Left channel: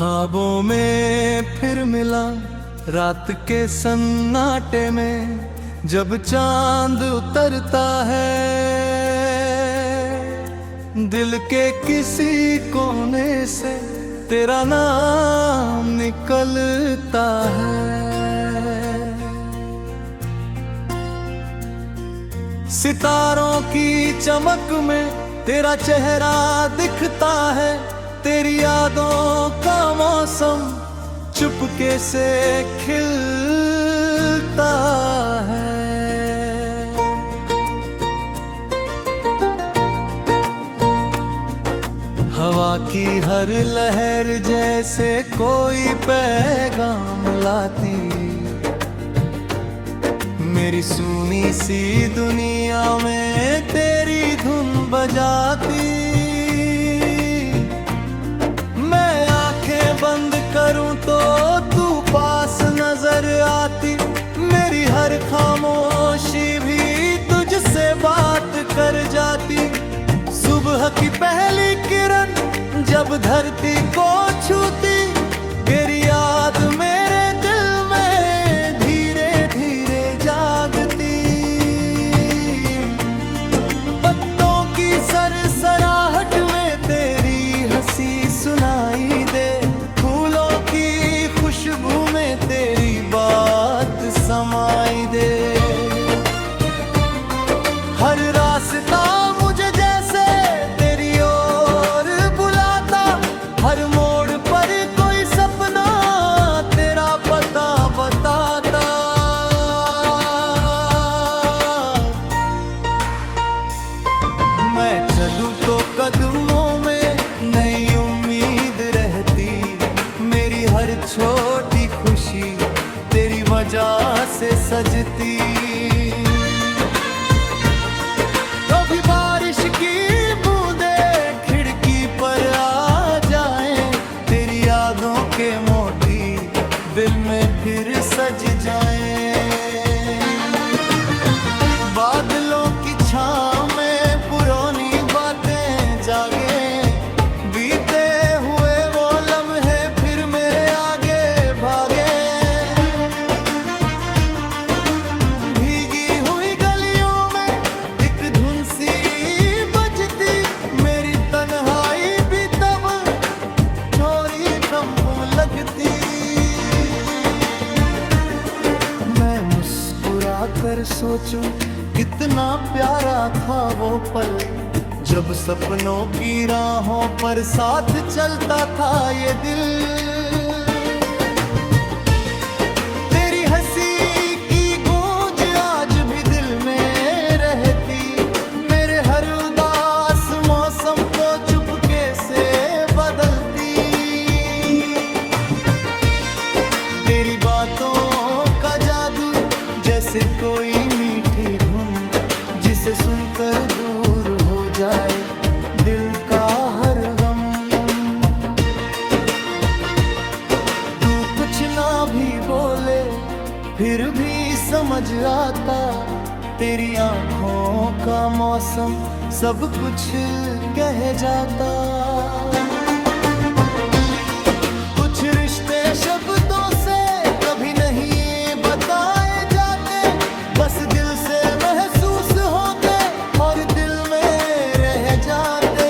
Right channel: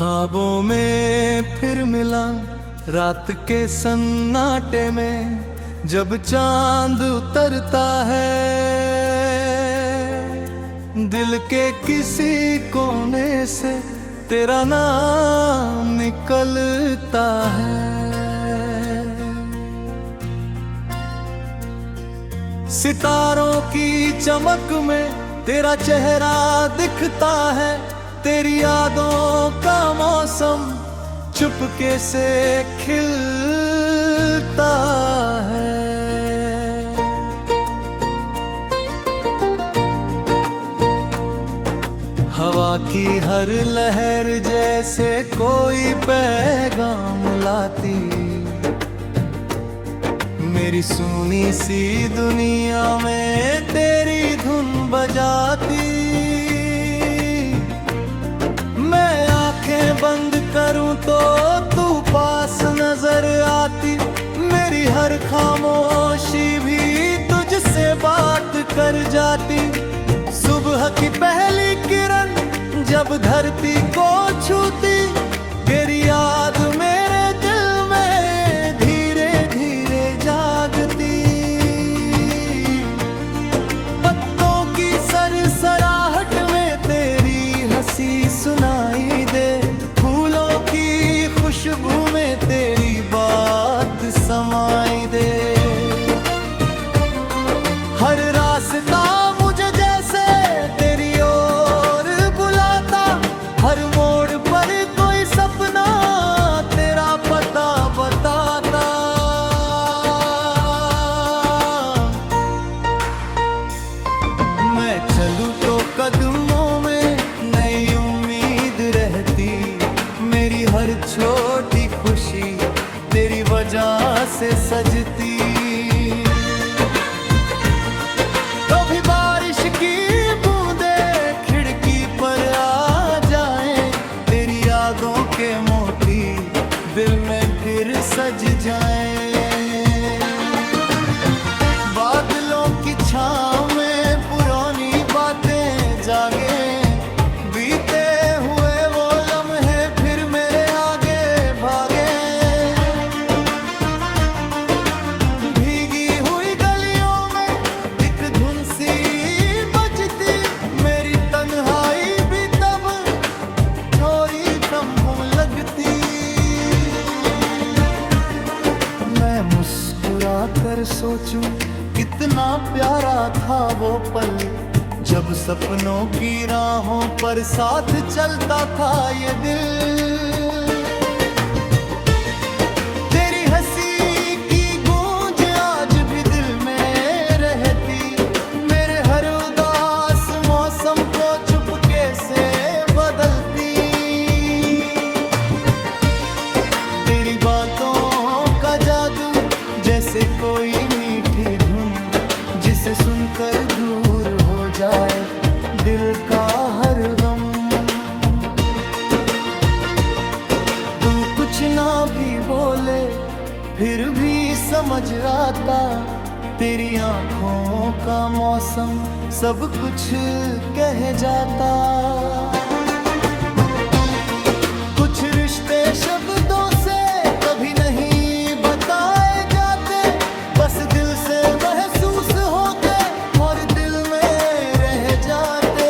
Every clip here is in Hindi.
ख्वाबों में फिर मिला रात के सन्नाटे में, जब चांद उतरता है दिल के किसी कोने से तेरा नाम निकलता है। सितारों की चमक में तेरा चेहरा दिखता है, तेरी यादों का मौसम चुपके से खिलता है। हवा की हर लहर जैसे कोई पैगाम लाती, मेरी सुनी सी दुनिया में तेरी धुन बजाती। मैं आंखें बंद करूं तो तू पास नजर आती, मेरी हर खामोशी भी तुझसे बात कर जाती। सुबह की पहली किरण जब धरती को छूती, तेरी याद मेरे दिल में धीरे धीरे जागती। पत्तों की सरसराहट में तेरी हंसी सुनाई दे, फूलों की खुशबू में तेरी बात समाई दे। हर रास्ता मुझे जैसे तेरी ओर बुलाता, हर मोड़ पर कोई सपना तेरा पता बताता। मैं चलूं तो कदमों में नई उम्मीद रहती, मेरी हर छोटी खुशी तेरी वजह से सजती। कभी बारिश की बूंदे खिड़की पर आ जाएं, तेरी यादों के मोती दिल में फिर सज जाएं। बादलों की छांव में पुरानी बातें जागे, बीते हुए वो लम्हे फिर मेरे आगे भागे। भीगी हुई गलियों में एक धुन सी बजती, मेरी तन्हाई भी तब थोड़ी कम लगती। मैं मुस्कुरा कर सोचूं कितना प्यारा था वो पल, जब सपनों की राहों पर साथ चलता था ये दिल। तेरी हंसी की गूंज आज भी दिल में रहती, मेरे हर उदास मौसम को चुपके से बदलती। तेरी बातों का जादू जैसे कोई मीठी धुन, जिसे सुनकर दूर हो जाए दिल का हर गम। तू कुछ ना भी बोले फिर भी समझ आता, तेरी आंखों का मौसम सब कुछ कह जाता। कुछ रिश्ते शब्दों से कभी नहीं बताए जाते, बस दिल से महसूस होते और दिल में रह जाते।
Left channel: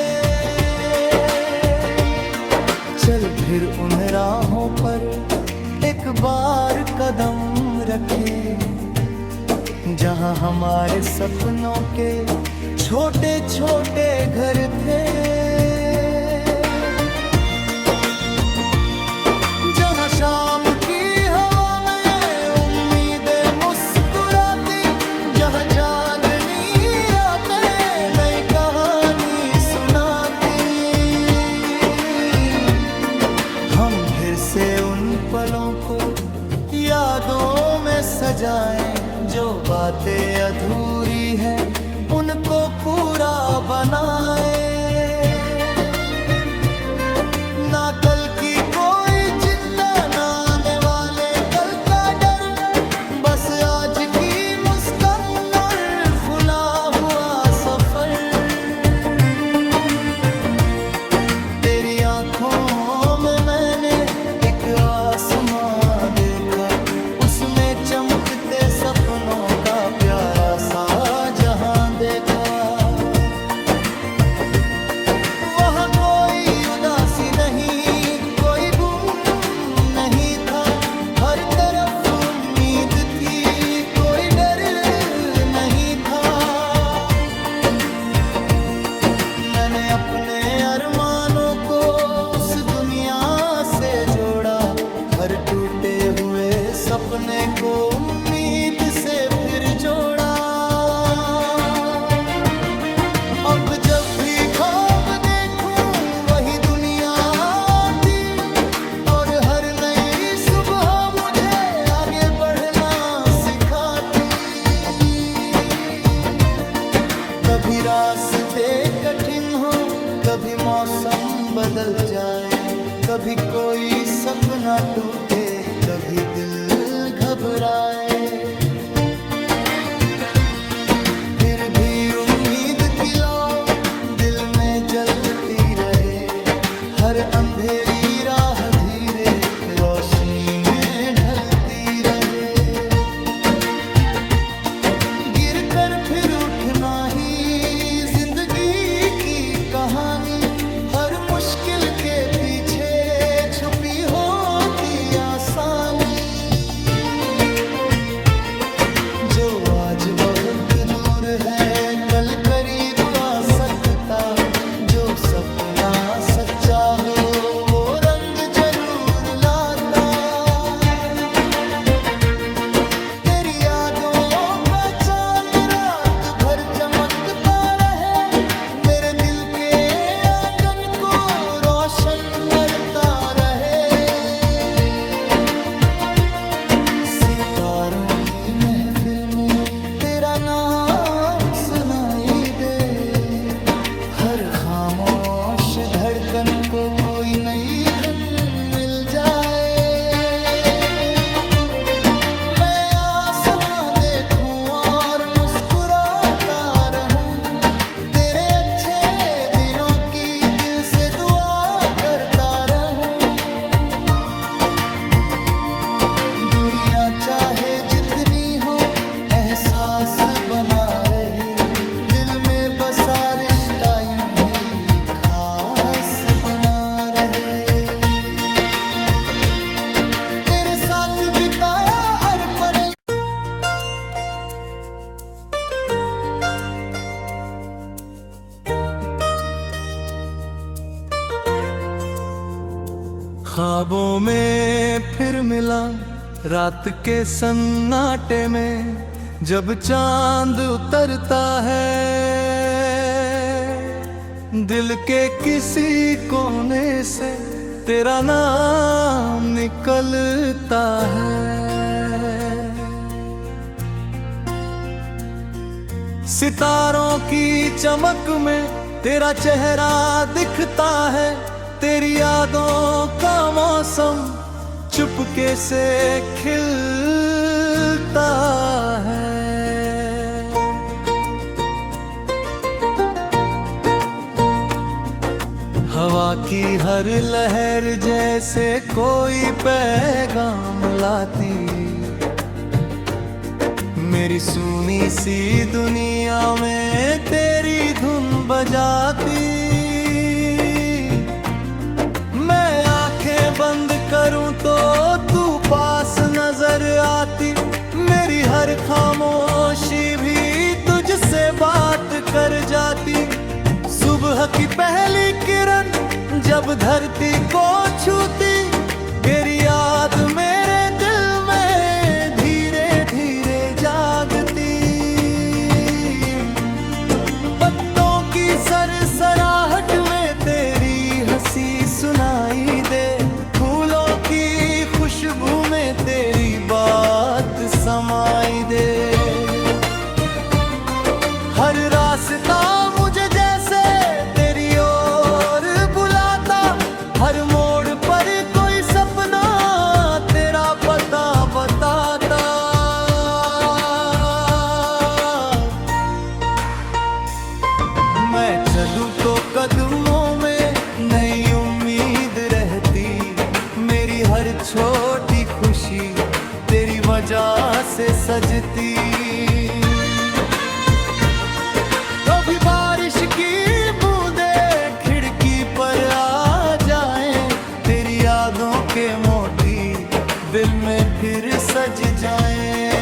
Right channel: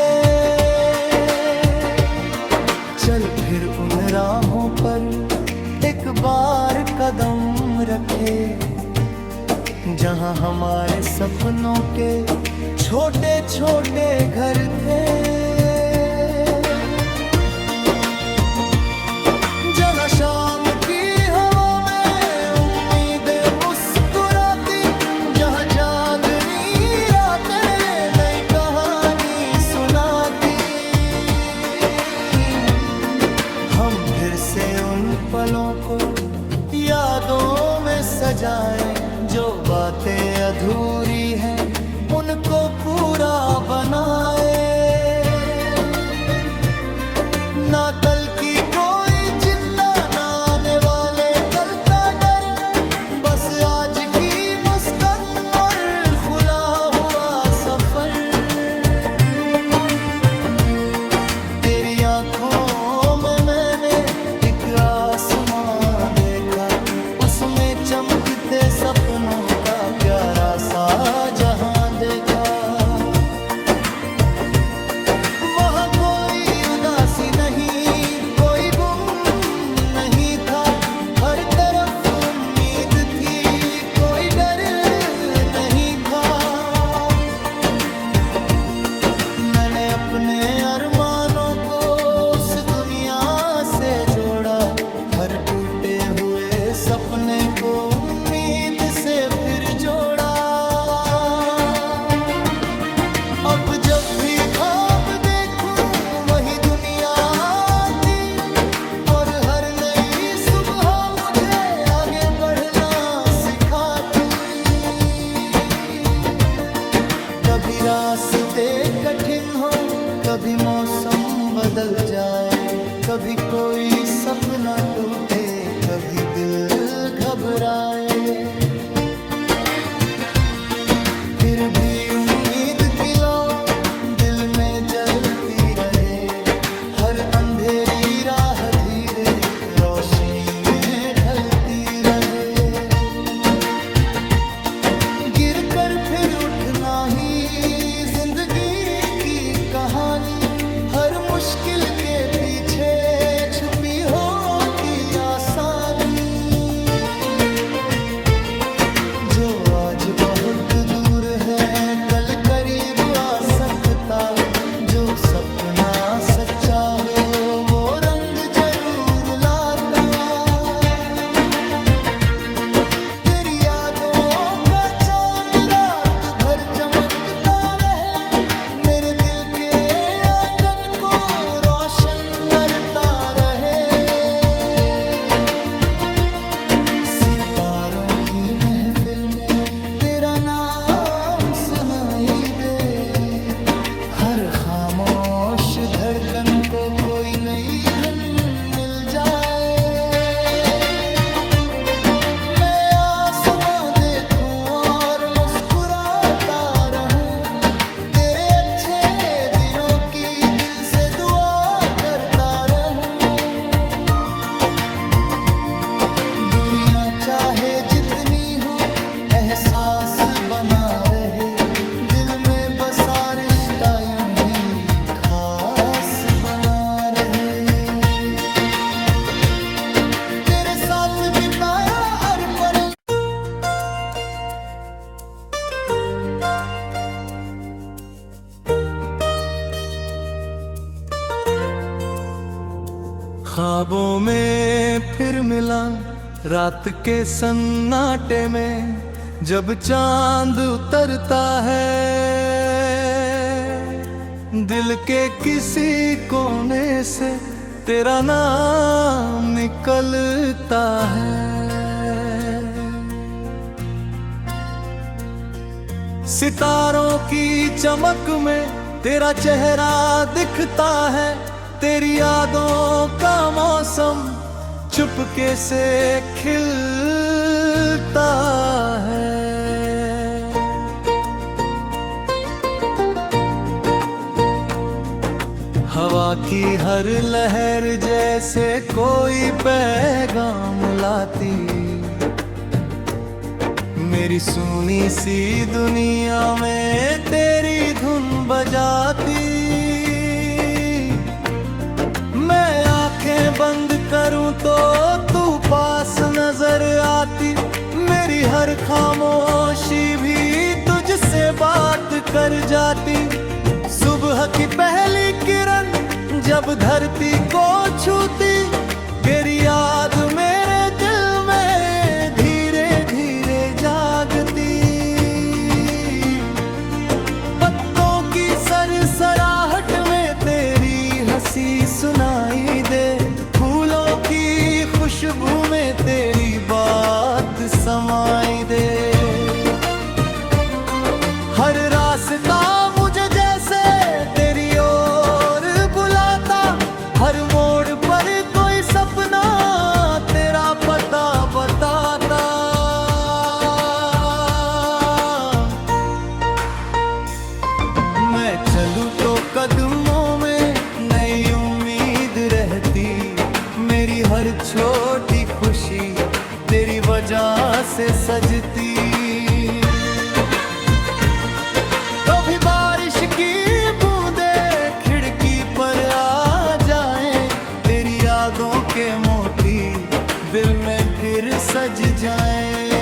चल फिर उन राहों पर एक बार कदम रखे, जहां हमारे सपनों के छोटे छोटे घर थे। जहां शाम की हवा में उम्मीदें मुस्कुराती, जहां चांदनी रातें नई कहानी सुनाती। हम फिर से उन पलों को यादों में सजाएं, जो बातें अधूरी हैं उनको पूरा बनाए। ना कल की कोई चिंता, ना आने वाले कल का डर, बस आज की मुस्कान और खुला हुआ सफर। तेरी आंखों में मैंने आसमां देखा, उसमें चमकते सपनों का प्यारा सा जहां देखा। वहाँ कोई उदासी नहीं, कोई गुम नहीं था, हर तरफ उम्मीद थी, कोई डर नहीं था। मैंने अपने अरमानों को उस दुनिया से जोड़ा, हर टूटे हुए सपने को उम्मीद से फिर जोड़ा। अब जब भी ख्वाब देखूं वही दुनिया आती, और हर नई सुबह मुझे आगे बढ़ना सिखाती। कभी रास्ते कठिन हो, कभी मौसम बदल जाए, कभी कोई सपना टूटे, कभी दिल घबराए, फिर भी उम्मीद की लौ दिल में जलती रहे। हर अंधेरी राह धीरे रोशनी में ढलती रहे। गिर कर फिर उठना ही जिंदगी की कहानी, हर मुश्किल के पीछे छुपी होती आसानी। जो आज बहुत दूर है कल करीब आ सकता, जो सपना सच्चा हो वो रंग जरूर लाता। तेरी यादों का चांद रात भर चमकता रहे, मेरे दिल के आंगन को रोशन करता रहे। सितारों की महफिल में तेरा नाम सुनाई दे, हर खामोश धड़कन को कोई नई धुन मिल जाए। मैं आसमां देखूं और मुस्कुराता रहूं, तेरे अच्छे दिनों की दिल से दुआ करता रहूं। दुनिया चाहे जितनी हो एहसास बना रहे, दिल में बसा रिश्ता यूं ही खास बना रहे। तेरे साथ बिताया हर पल, ख्वाबों में फिर मिला रात के सन्नाटे में, जब चांद उतरता है दिल के किसी कोने से तेरा नाम निकलता है। सितारों की चमक में तेरा चेहरा दिखता है, तेरी यादों का मौसम चुपके से खिलता है। हवा की हर लहर जैसे कोई पैगाम लाती, मेरी सुनी सी दुनिया में तेरी धुन बजाती। मैं आंखें बंद करूं तो तू पास नजर आती, मेरी हर खामोशी भी तुझसे बात कर जाती। सुबह की पहली किरण जब धरती को छूती, तेरी याद मेरे दिल में धीरे धीरे जागती। पत्तों की सरसराहट में तेरी हंसी सुनाई दे, फूलों की खुशबू में तेरी बात समाई दे। हर रास्ता मुझे जैसे तेरी ओर बुलाता, हर मोड़ पर कोई सपना तेरा पता बताता। मैं चलूं तो कदमों में नई उम्मीद रहती, मेरी हर छोटी खुशी तेरी वजह से सजती। कभी बारिश की बूंदे खिड़की पर आ जाए, तेरी यादों के मोती दिल में फिर सज जाए।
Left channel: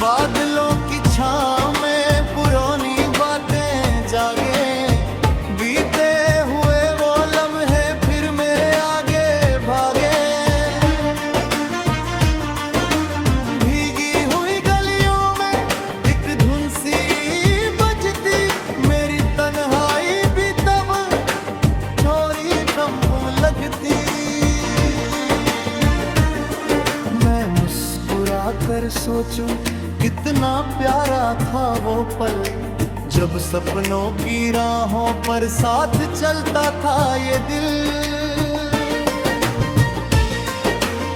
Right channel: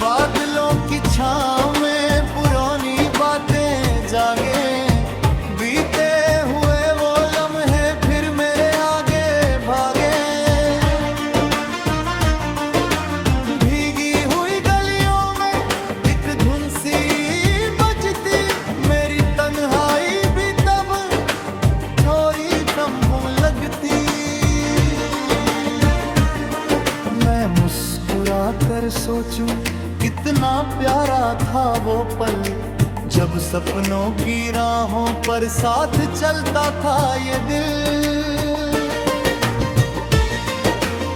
बादलों की छाँव में पुरानी बातें जागे, बीते हुए वो लम्हे फिर मेरे आगे भागे। भीगी हुई गलियों में एक धुन सी बजती, मेरी तन्हाई भी तब थोड़ी कम लगती। मैं मुस्कुरा कर सोचूं कितना प्यारा था वो पल, जब सपनों की राहों पर साथ चलता था ये दिल।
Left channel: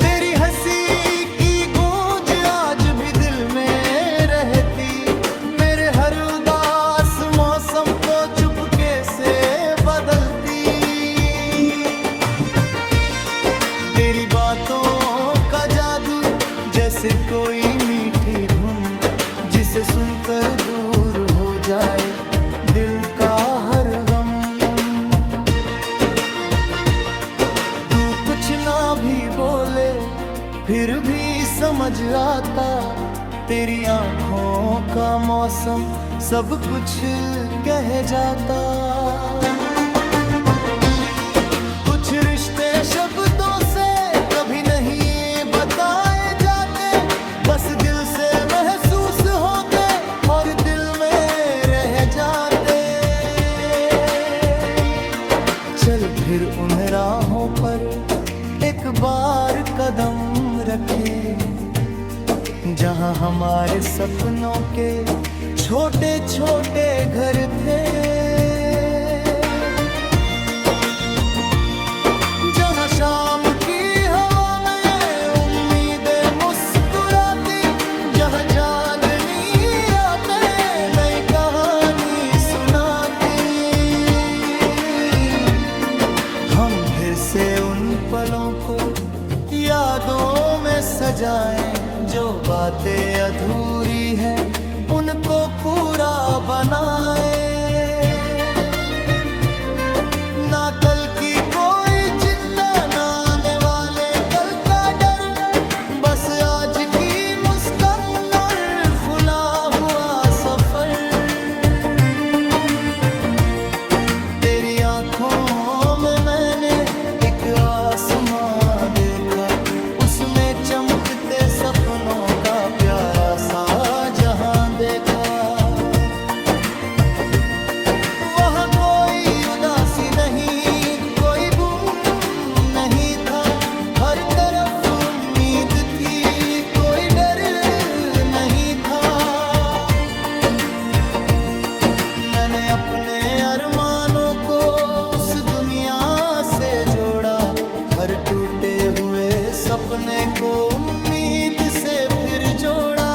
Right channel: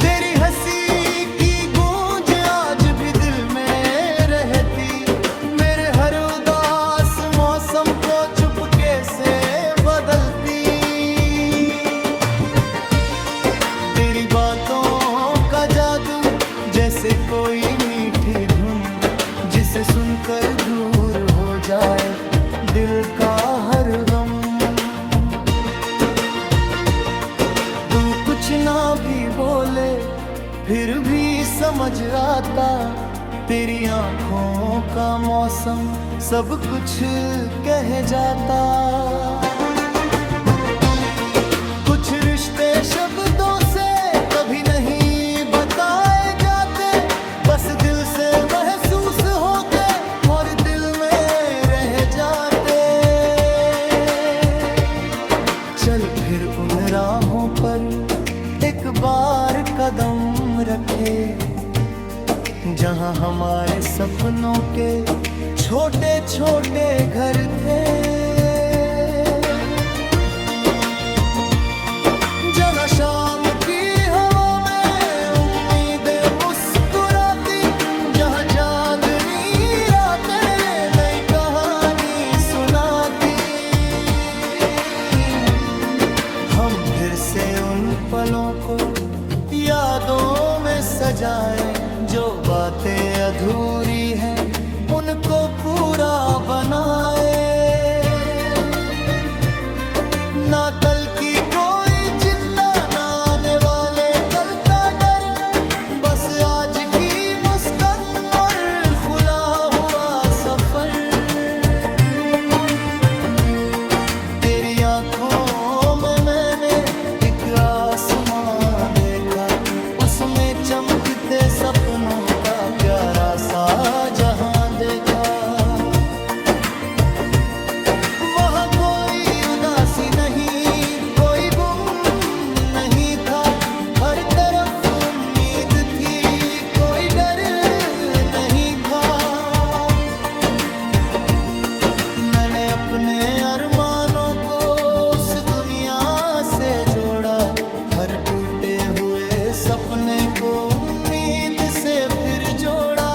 तेरी हंसी की गूंज आज भी दिल में रहती, मेरे हर उदास मौसम को चुपके से बदलती। तेरी बातों का जादू जैसे कोई मीठी धुन, जिसे सुनकर दूर हो जाए दिल का हर गम। तू कुछ ना भी बोले फिर भी समझ आता, तेरी आंखों का मौसम सब कुछ कह जाता। कुछ रिश्ते शब्दों से कभी नहीं बताए जाते, बस दिल से महसूस होते और दिल में रह जाते। चल फिर उन राहों पर एक बार कदम रखे, जहां हमारे सपनों के छोटे छोटे घर थे। जहां शाम की हवा में उम्मीदें मुस्कुराती, जहां चांदनी रातें नई कहानी सुनाती। हम फिर से उन पलों को यादों में सजाएं, जो बातें अधूरी हैं उनको पूरा बनाए। ना कल की कोई चिंता, ना आने वाले कल का डर, बस आज की मुस्कान और खुला हुआ सफर। तेरी आंखों में मैंने एक आसमां देखा, उसमें चमकते सपनों का प्यारा सा जहां देखा। वहाँ कोई उदासी नहीं, कोई गुम नहीं था, हर तरफ उम्मीद थी, कोई डर नहीं था। मैंने अपने अरमानों को उस दुनिया से जोड़ा, हर टूटे हुए सपने को उम्मीद से फिर जोड़ा।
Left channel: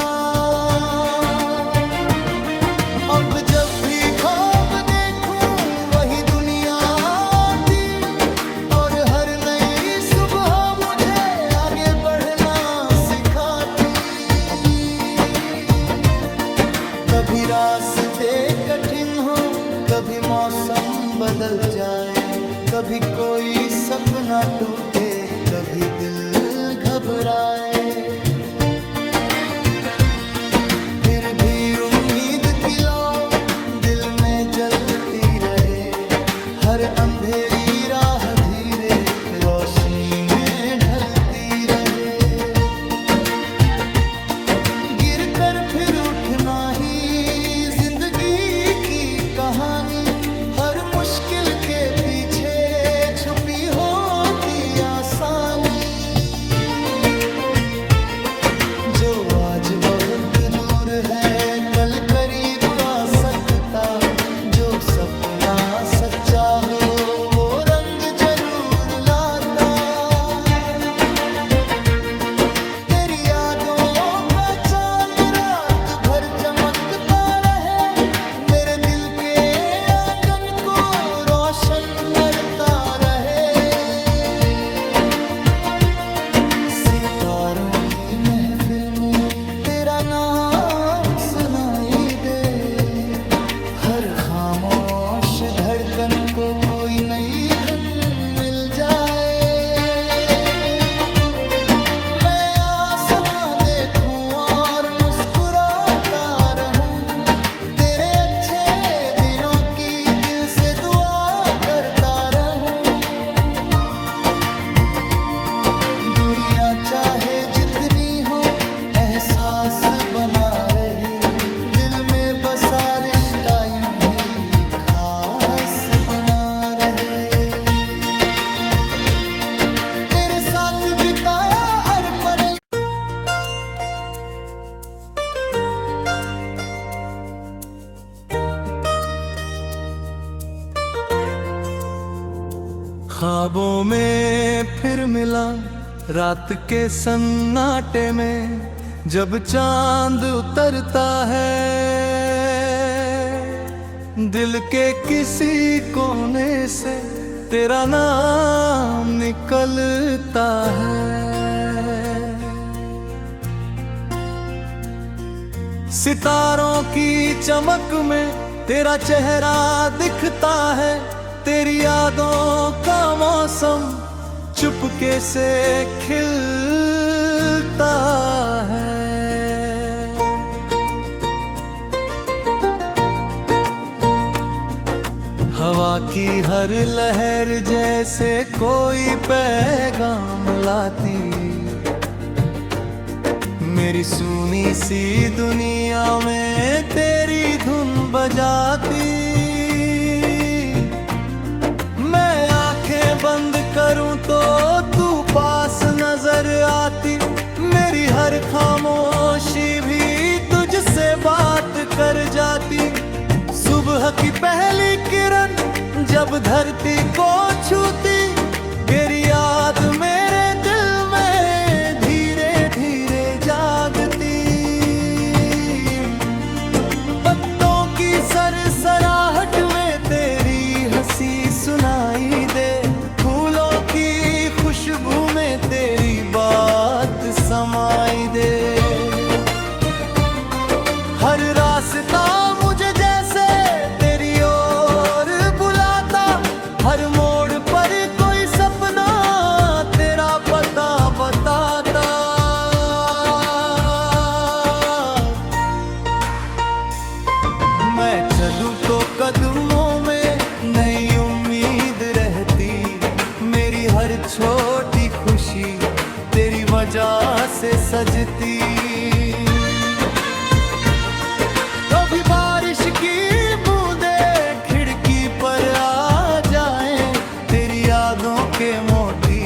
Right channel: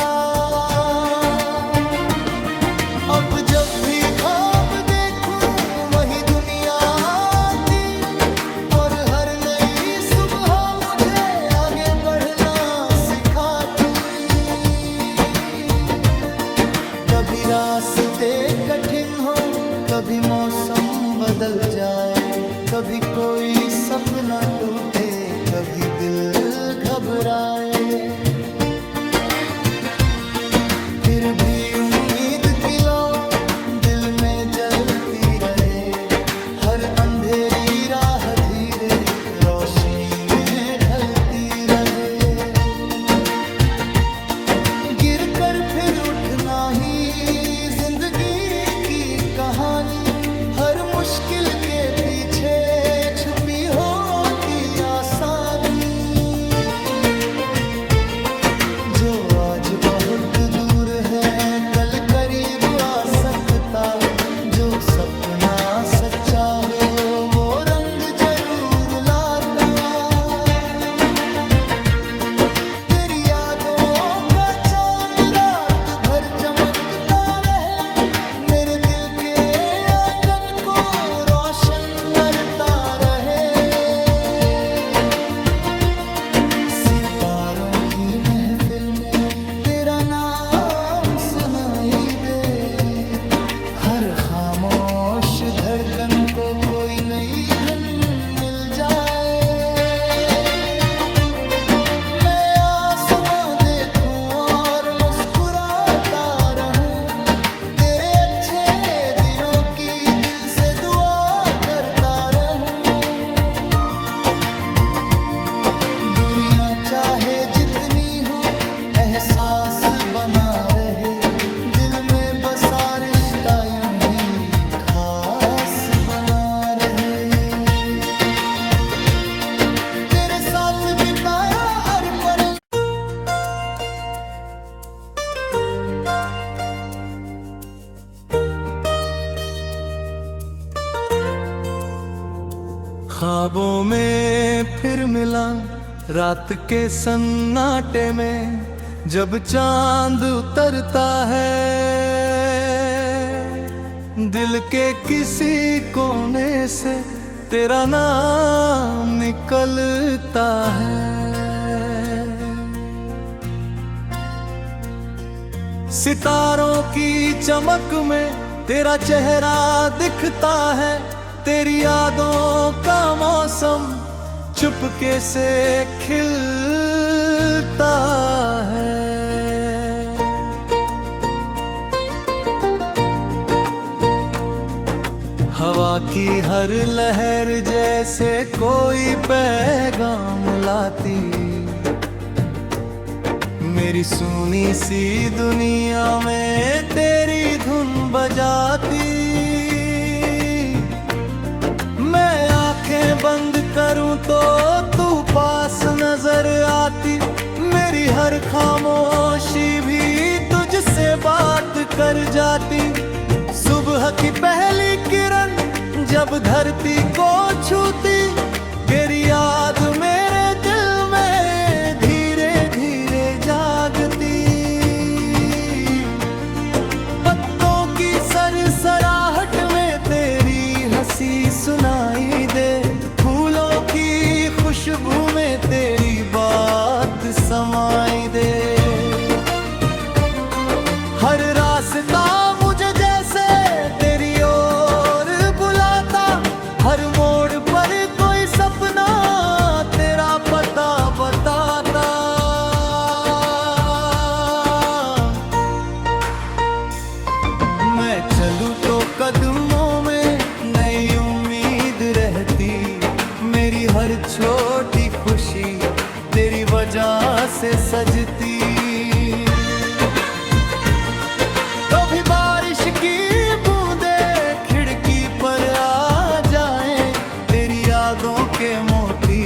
अब जब भी ख्वाब देखूं वही दुनिया आती, और हर नई सुबह मुझे आगे बढ़ना सिखाती। कभी रास्ते कठिन हो, कभी मौसम बदल जाए, कभी कोई सपना टूटे, कभी दिल घबराए, फिर भी उम्मीद की लौ दिल में जलती रहे। हर अंधेरी राह धीरे रोशनी में ढलती रहे। गिर कर फिर उठना ही जिंदगी की कहानी, हर मुश्किल के पीछे छुपी होती आसानी। जो आज बहुत दूर है कल करीब आ सकता, जो सपना सच्चा हो वो रंग जरूर लाता। तेरी यादों का चांद रात भर चमकता रहे, मेरे दिल के आंगन को रोशन करता रहे। की महफिल में तेरा नाम सुनाई दे। हर खामोश धड़कन को कोई नई धुन मिल जाए। मैं आसमां देखूं और मुस्कुराता रहूं, तेरे अच्छे दिनों की दिल से दुआ करता रहूं। दुनिया चाहे जितनी हो एहसास बना रहे, दिल में बसा रिश्ता यूं ही खास बना रहे। तेरे साथ बिताया हर पल, ख्वाबों में फिर मिला रात के सन्नाटे में, जब चांद उतरता है दिल के किसी कोने से तेरा नाम निकलता है। सितारों की चमक में तेरा चेहरा दिखता है, तेरी यादों का मौसम चुपके से खिलता है। हवा की हर लहर जैसे कोई पैगाम लाती, मेरी सुनी सी दुनिया में तेरी धुन बजाती। मैं आंखें बंद करूं तो तू पास नजर आती, मेरी हर खामोशी भी तुझसे बात कर जाती। सुबह की पहली किरण जब धरती को छूती, तेरी याद मेरे दिल में धीरे धीरे जागती। पत्तों की सरसराहट में तेरी हंसी सुनाई दे, फूलों की खुशबू में तेरी बात समाई दे। हर रास्ता मुझे जैसे तेरी ओर बुलाता, हर मोड़ पर कोई सपना तेरा पता बताता। मैं चलूं तो कदमों में नई उम्मीद रहती, मेरी हर छोटी खुशी तेरी वजह से सजती। कभी बारिश की बूंदें खिड़की पर आ जाएं, तेरी यादों के मोती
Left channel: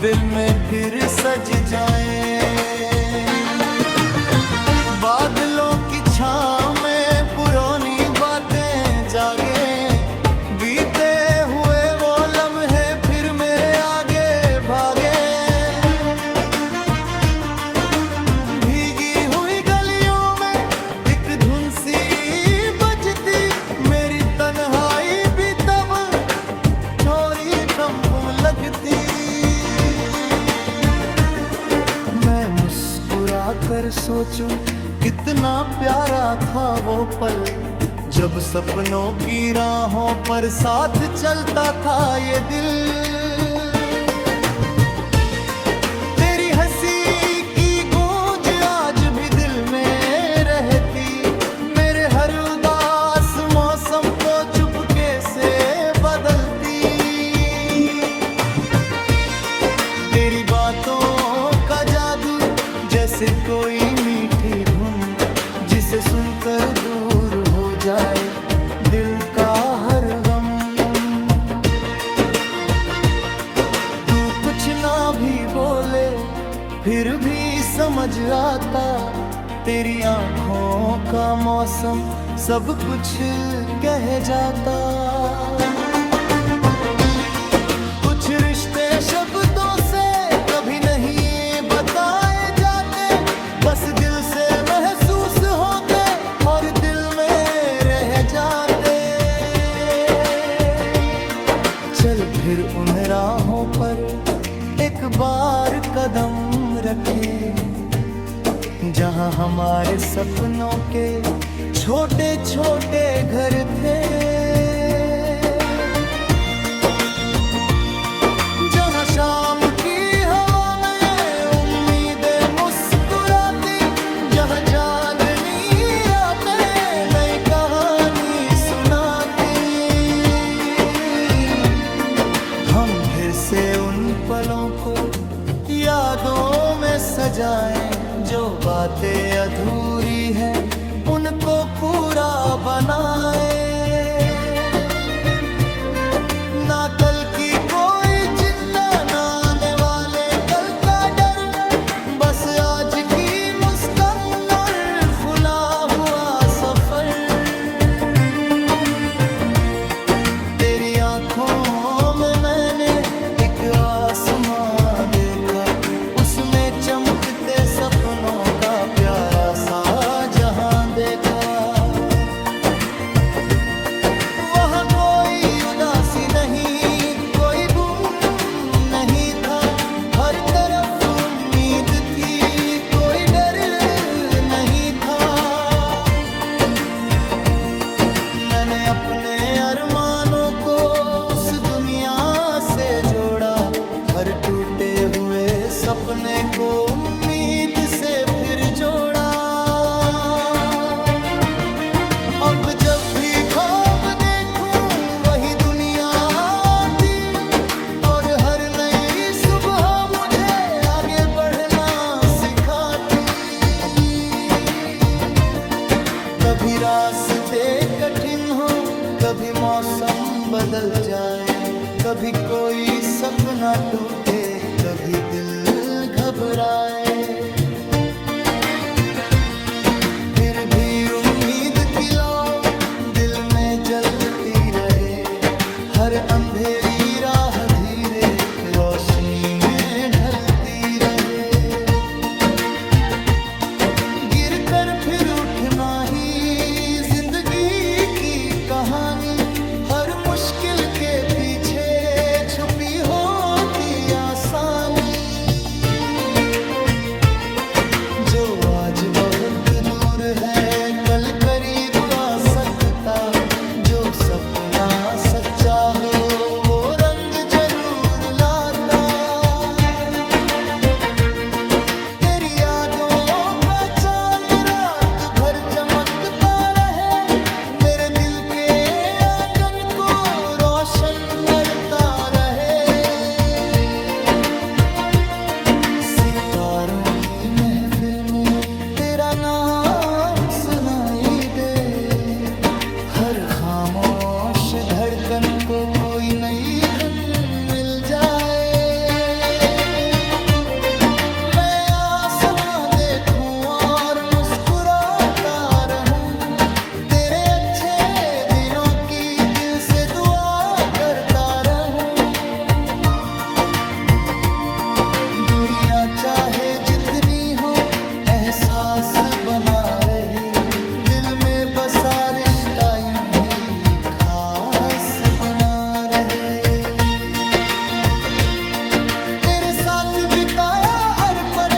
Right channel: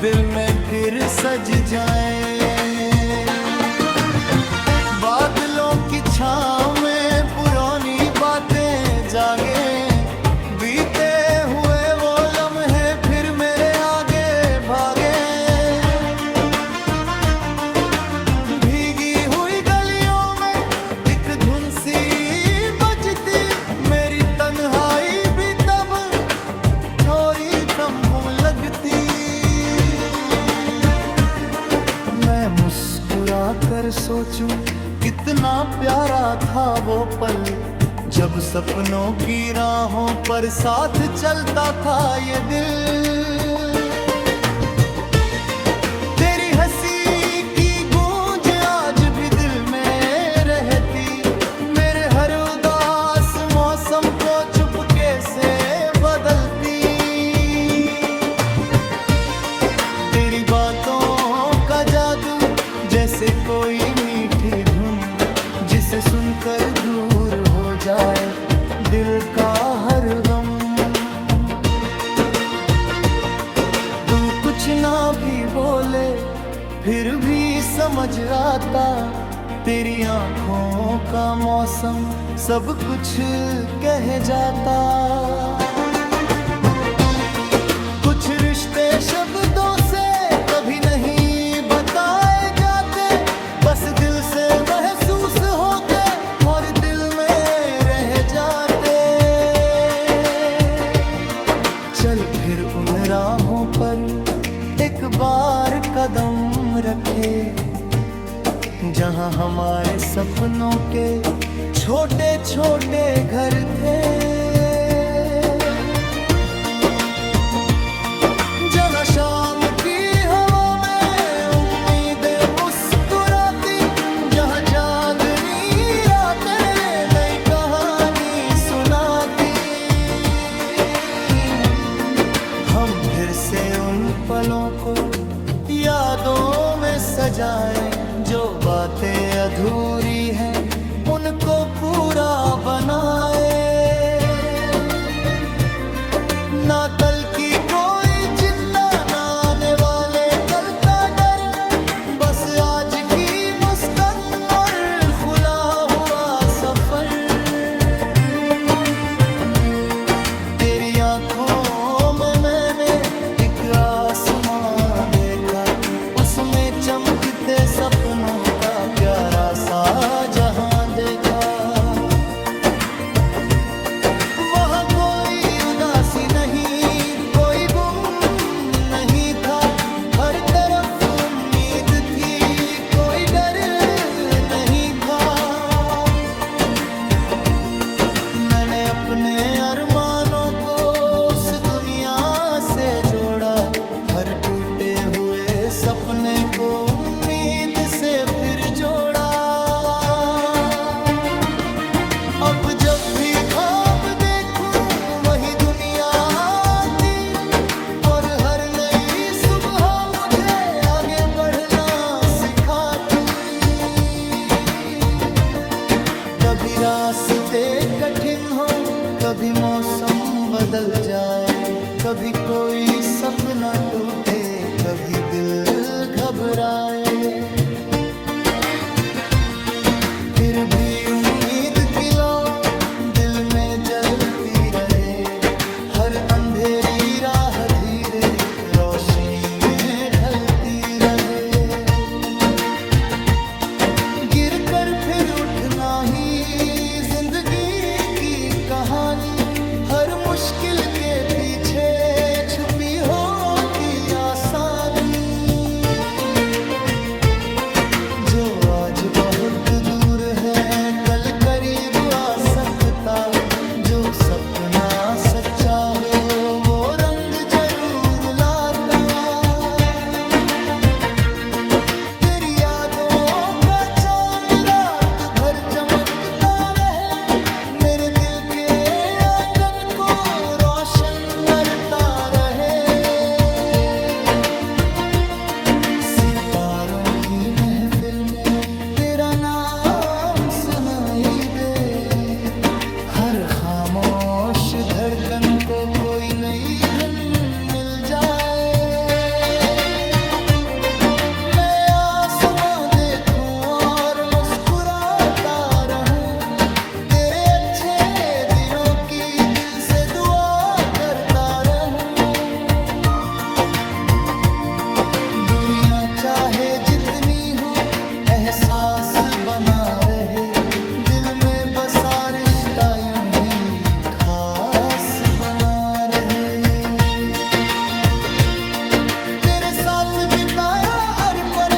दिल में फिर सज जाएं। बादलों की छांव में पुरानी बातें जागे, बीते हुए वो लम्हे फिर मेरे आगे भागे। भीगी हुई गलियों में एक धुन सी बजती, मेरी तन्हाई भी तब थोड़ी कम लगती। मैं मुस्कुरा कर सोचूं कितना प्यारा था वो पल, जब सपनों की राहों पर साथ चलता था ये दिल। तेरी हंसी की गूंज आज भी दिल में रहती, मेरे हर उदास मौसम को चुपके से बदलती। तेरी बातों का जादू जैसे कोई मीठी धुन, जिसे सुनकर दूर हो जाए दिल का हर गम। तू कुछ ना भी बोले फिर भी समझ आता, तेरी आंखों का मौसम सब कुछ कह जाता। कुछ रिश्ते शब्दों से कभी नहीं बताए जाते, बस दिल से महसूस होते और दिल में रह जाते। चल फिर उन राहों पर एक बार कदम रखे, जहाँ हमारे सपनों के छोटे छोटे घर थे, जहाँ शाम की हवा में उम्मीदें मुस्कुराती, जहाँ चांदनी रातें नई कहानी सुनाती। हम फिर से उन पलों को यादों में सजाएं, जो बातें अधूरी हैं उनको पूरा बनाए। ना कल की कोई चिंता, ना आने वाले कल का डर, बस आज की मुस्कान और खुला हुआ सफर। तेरी आंखों में मैंने एक आसमां देखा, उसमें चमकते सपनों का प्यारा सा जहां देखा। वहाँ कोई उदासी नहीं, कोई गुम नहीं था, हर तरफ उम्मीद थी, कोई डर नहीं था। मैंने अपने अरमानों को उस दुनिया से जोड़ा, हर टूटे हुए सपने को उम्मीद से फिर जोड़ा। अब जब भी ख्वाब देखूं वही दुनिया आती, और हर नई सुबह मुझे आगे बढ़ना सिखाती। कभी रास्ते कठिन हो, कभी मौसम बदल जाए, कभी कोई सपना टूटे, कभी दिल घबराए, फिर भी उम्मीद की लौ दिल में जलती रहे। हर अंधेरी राह धीरे रोशनी में ढलती रहे। गिर कर फिर उठना ही जिंदगी की कहानी, हर मुश्किल के पीछे छुपी होती आसानी। जो आज बहुत दूर है कल करीब आ सकता, जो सपना सच्चा हो वो रंग जरूर लाता। तेरी यादों का चांद रात भर चमकता रहे, मेरे दिल के रोशन करता रहे। सितारों की महफिल में तेरा नाम सुनाई दे, हर खामोश धड़कन को कोई नई धुन मिल जाए। मैं आसमां देखूं और मुस्कुराता रहूं, तेरे अच्छे दिनों की दिल से दुआ करता रहूं। दुनिया चाहे जितनी हो एहसास बना रहे, दिल में बसा रिश्ता यूं ही खास बना रहे। तेरे साथ बिताया हर पल,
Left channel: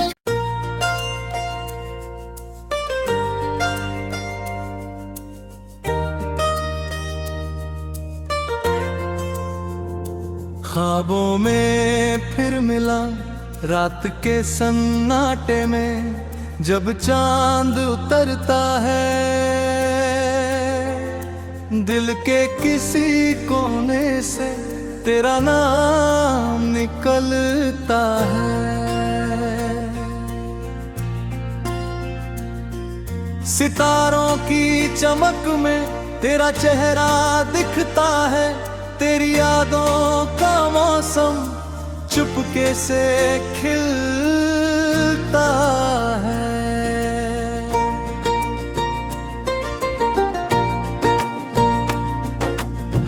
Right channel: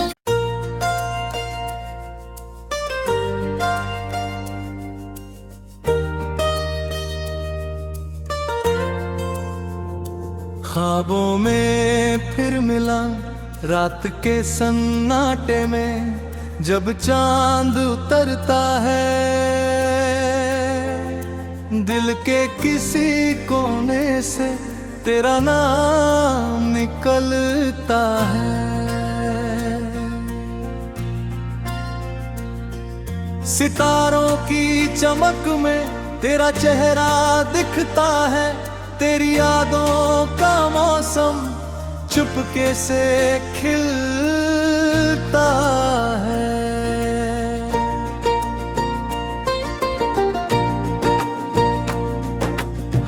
ख्वाबों में फिर मिला रात के सन्नाटे में, जब चांद उतरता है दिल के किसी कोने से तेरा नाम निकलता है। सितारों की चमक में तेरा चेहरा दिखता है, तेरी यादों का मौसम चुपके से खिलता है।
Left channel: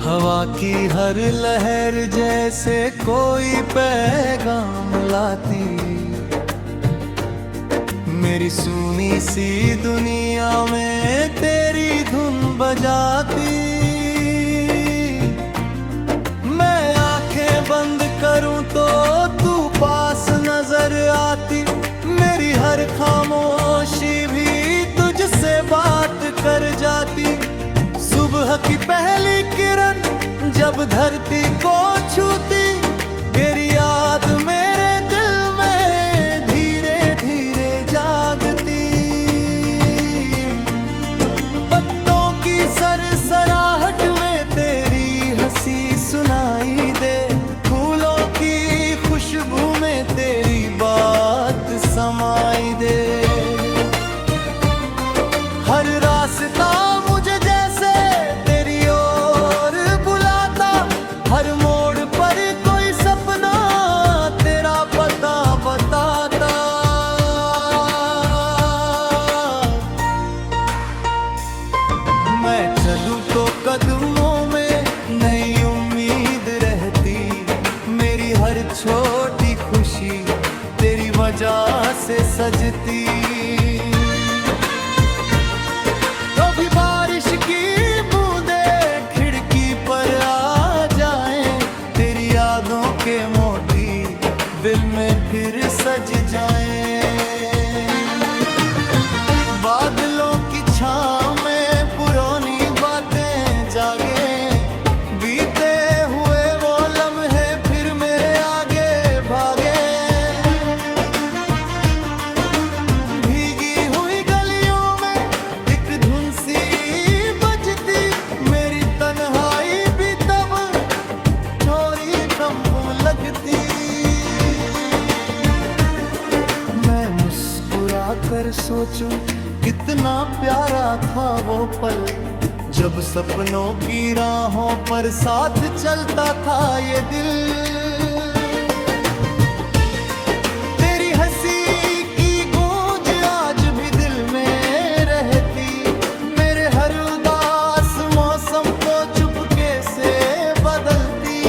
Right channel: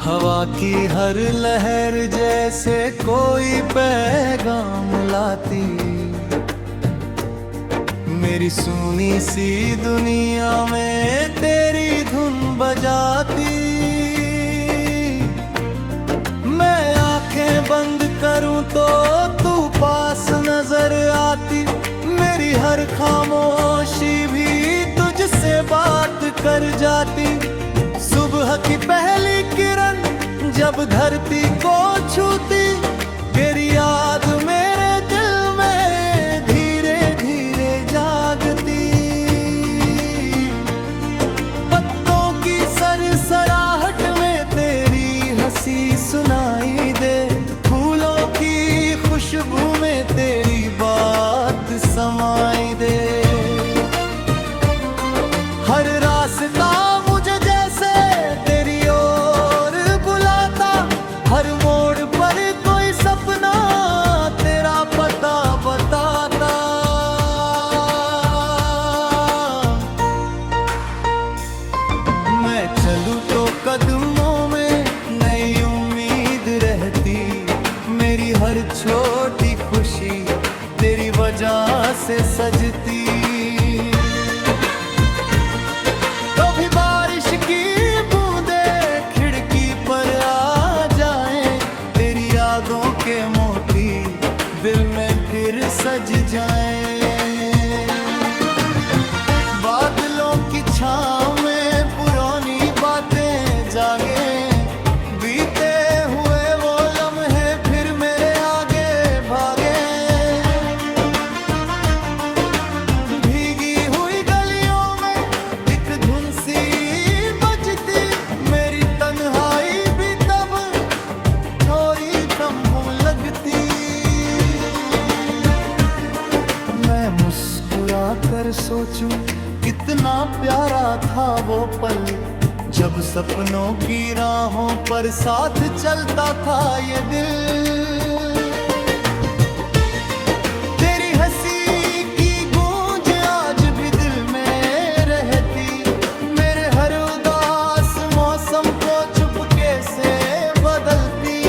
हवा की हर लहर जैसे कोई पैगाम लाती, मेरी सुनी सी दुनिया में तेरी धुन बजाती। मैं आंखें बंद करूं तो तू पास नजर आती, मेरी हर खामोशी भी तुझसे बात कर जाती। सुबह की पहली किरण जब धरती को छूती, तेरी याद मेरे दिल में धीरे धीरे जागती। पत्तों की सरसराहट में तेरी हंसी सुनाई दे, फूलों की खुशबू में तेरी बात समाई दे। हर रास्ता मुझे जैसे तेरी ओर बुलाता, हर मोड़ पर कोई सपना तेरा पता बताता। मैं चलूं तो कदमों में नई उम्मीद रहती, मेरी हर छोटी खुशी तेरी वजह से सजती। कभी बारिश की बूंदे खिड़की पर आ जाएं, तेरी यादों के मोती दिल में फिर सज जाएं। बादलों की छाँव में पुरानी बातें जागे, बीते हुए वो लम्हे फिर मेरे आगे भागे। भीगी हुई गलियों में एक धुन सी बजती, मेरी तन्हाई भी तब थोड़ी कम लगती। मैं मुस्कुरा कर सोचूं कितना प्यारा था वो पल, जब सपनों की राहों पर साथ चलता था ये दिल। तेरी हंसी की गूंज आज भी दिल में रहती, मेरे हर उदास मौसम को चुपके से बदलती।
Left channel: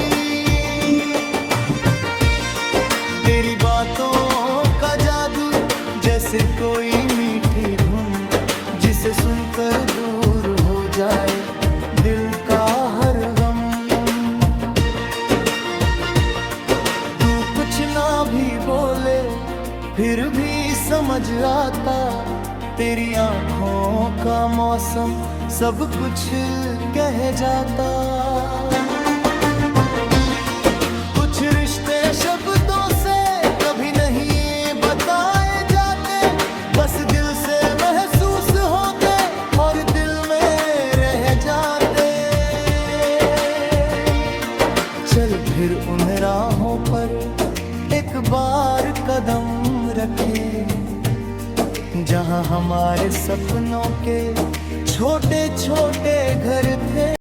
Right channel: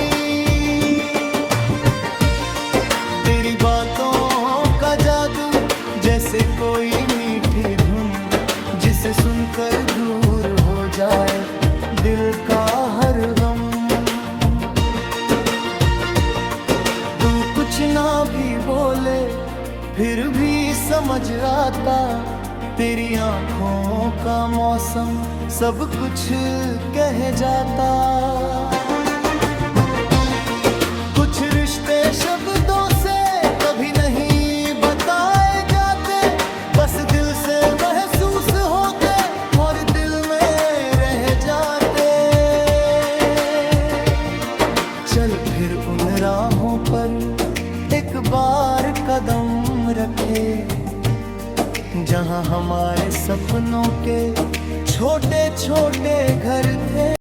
तेरी बातों का जादू जैसे कोई मीठी धुन, जिसे सुनकर दूर हो जाए दिल का हर गम। तू कुछ ना भी बोले फिर भी समझ आता, तेरी आंखों का मौसम सब कुछ कह जाता। कुछ रिश्ते शब्दों से कभी नहीं बताए जाते, बस दिल से महसूस होते और दिल में रह जाते। चल फिर उन राहों पर एक बार कदम रखे, जहां हमारे सपनों के छोटे छोटे घर थे।